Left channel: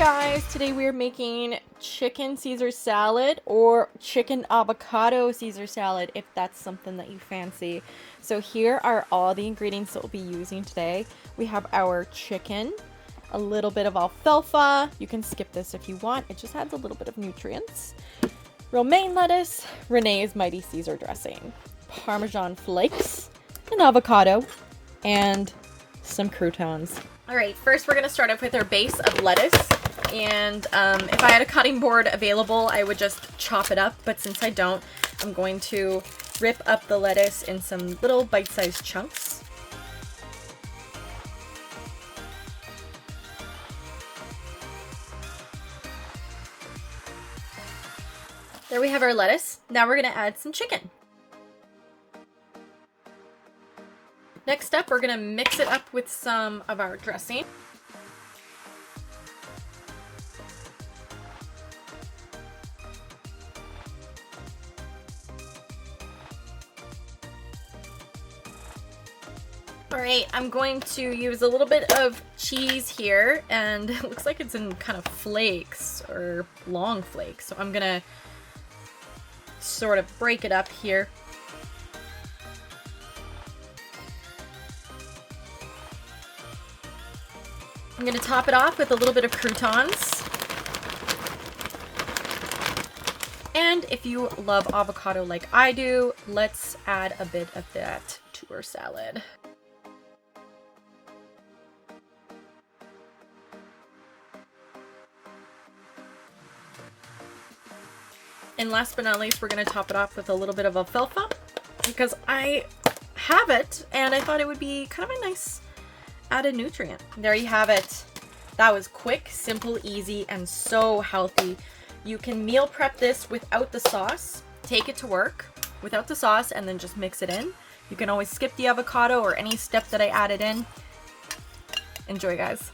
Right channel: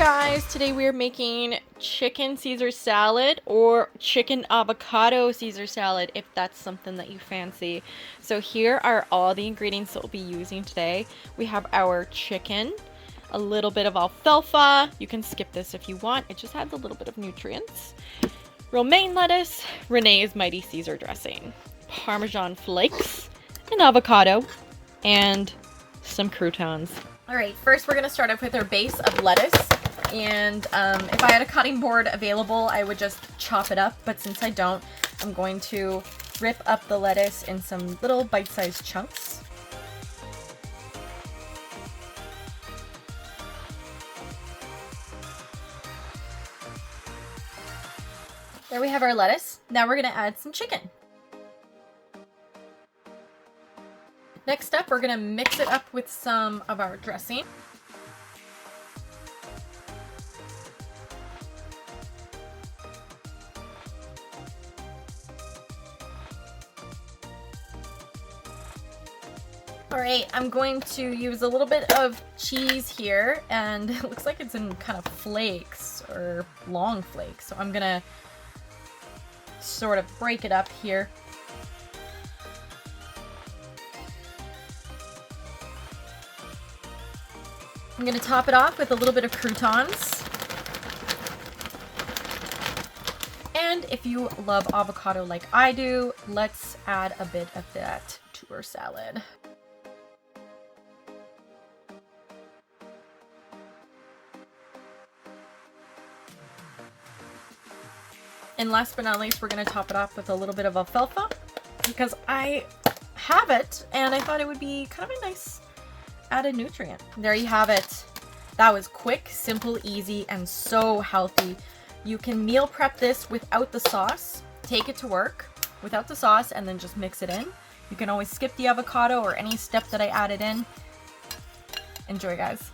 guys, today we are making chicken Caesar salad or chicken avocado Caesar salad if that's something that you fancy. So here are all the ingredients that we'll be using today. We have our chicken, a little bit of alfalfa, you can skip this if you want, it just adds a little bit of nutrients, romaine lettuce, Renee's Mighty Caesar dressing, Parmesan flakes, an avocado, and some croutons. Alright, first we're going to start off with our base of lettuce, and if I had a cutting board available I would just chop it up, but since I don't, I'm going to rip up the lettuce in some little bite-sized chunks. There we have our lettuce. Now we're going to add some chicken. Next up, we're going to mix it up with some of our dressing. Alright, I'm going to use a little bit of cheese here, and it looks like it's in kind of flakes, or long flakes, so I'm going to sort of break it up here. I'm going to top it off with a little bit of croutons. And if you love avocado like I do, let's add a bit of that to our salad. And last but not least, we're going to top it off with a little bit of alfalfa because I have it and I thought it would be kind of a nice added nutrient. There you have it. That was quick, simple, easy, and so healthy. You can meal prep this without the sauce. Take it to work without the sauce and then just mix it in. You can always skip the avocado or any step that I added in. Enjoy, guys.